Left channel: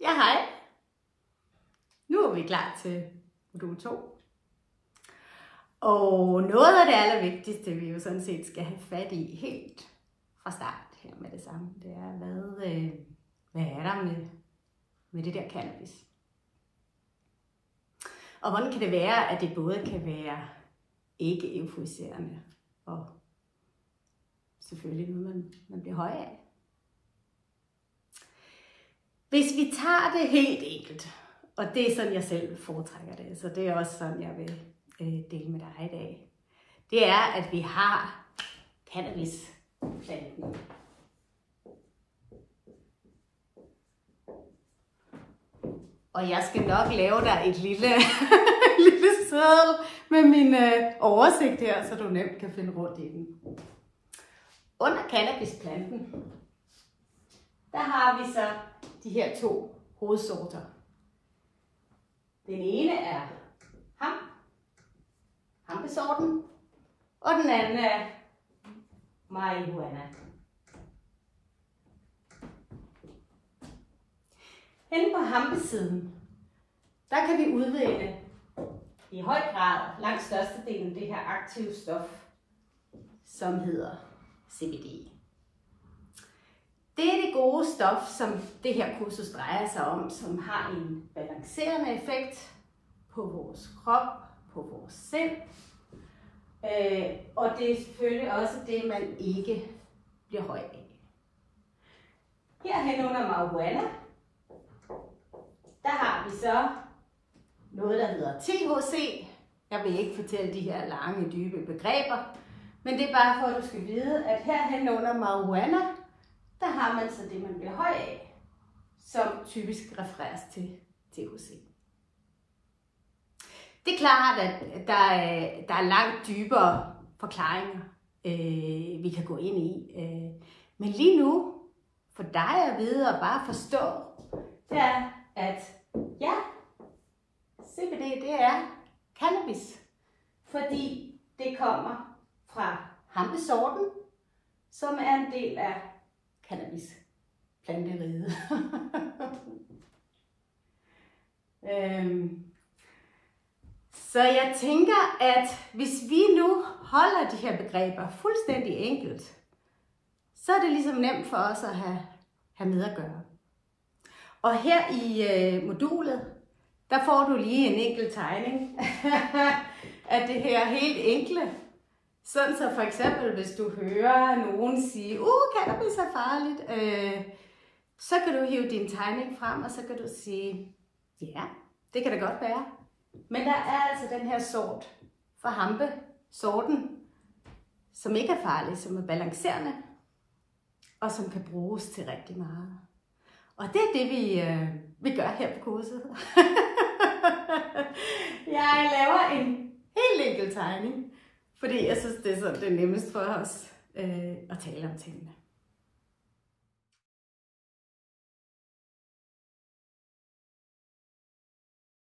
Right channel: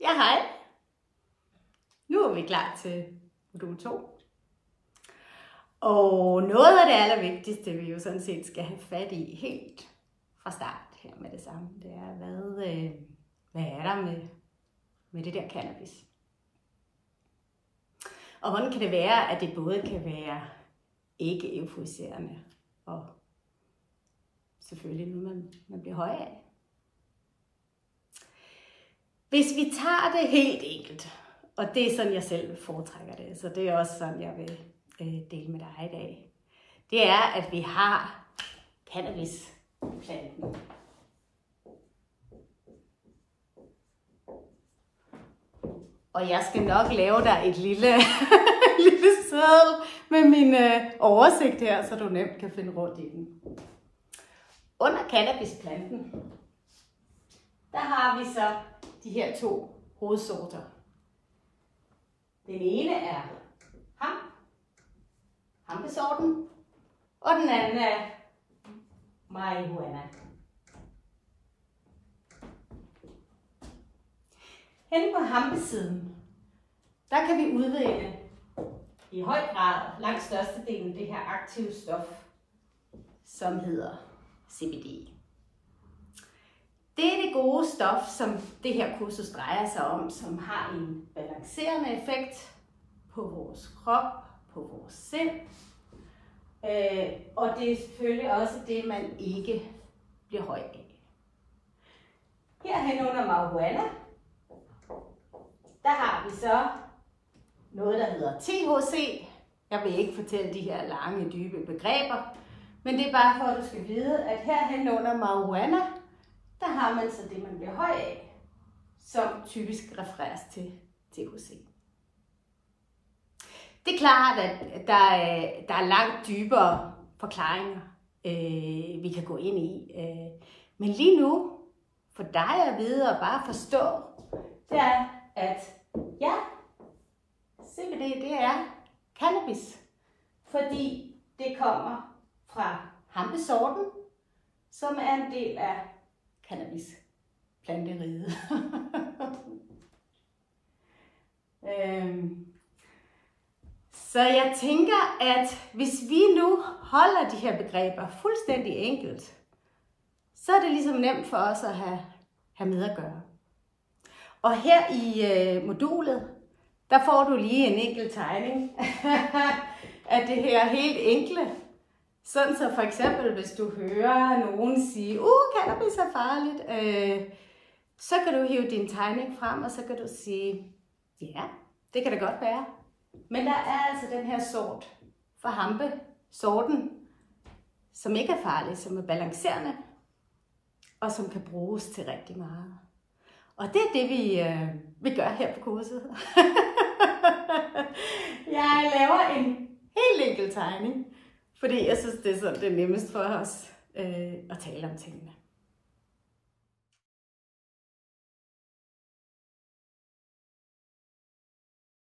Ja, hej. Nu er vi klar til modul 2. Og noget af det allervigtigste, vi jo sådan set skal have fat i helt fra start her med det samme, det er, hvad er der med det der cannabis? Og hvordan kan det være, at det både kan være ikke euforiserende og selvfølgelig noget, man bliver høj af? Hvis vi tager det helt enkelt, og det er sådan, jeg selv foretrækker det, så det er også sådan, jeg vil dele med dig i dag, det er, at vi har cannabisplanten. Og jeg skal nok lave dig et lille seddel med min oversigt her, så du nemt kan finde rundt i den. Under cannabisplanten, der har vi så de her 2 hovedsorter. Den ene er hampesorten, og den anden er marihuana. Henne på hampesiden, der kan vi udvinde i høj grad langt størstedelen det her aktive stof, som hedder CBD. Det er det gode stof, som det her kursus drejer sig om, som har en balancerende effekt på vores krop, på vores sind. Og det er selvfølgelig også det, man ikke bliver høj af. Herhen under marihuana, der har vi så noget, der hedder THC. Jeg vil ikke fortælle de her lange, dybe begreber, men det er bare for, at du skal vide, at herhen under marihuana, der har man så det, man bliver høj af, som typisk refereres til THC. Det er klart, at der er langt dybere forklaringer, vi kan gå ind i. Men lige nu, for dig at vide og bare forstå, det er, at ja, CBD det er cannabis. Fordi det kommer fra hampesorten, som er en del af cannabisplanteriget. Så jeg tænker, at hvis vi nu holder de her begreber fuldstændig enkelt, så er det ligesom nemt for os at have med at gøre. Og her i modulet, der får du lige en enkelt tegning af det her helt enkle. Sådan så for eksempel, hvis du hører nogen sige, cannabis er farligt, så kan du hive din tegning frem, og så kan du sige, ja, det kan det godt være. Men der er altså den her sort for hampe-sorten, som ikke er farlig, som er balancerende, og som kan bruges til rigtig meget. Og det er det, vi gør her på kurset. Jeg laver en helt enkel tegning, fordi jeg synes, det er sådan det nemmest for os at tale om tingene.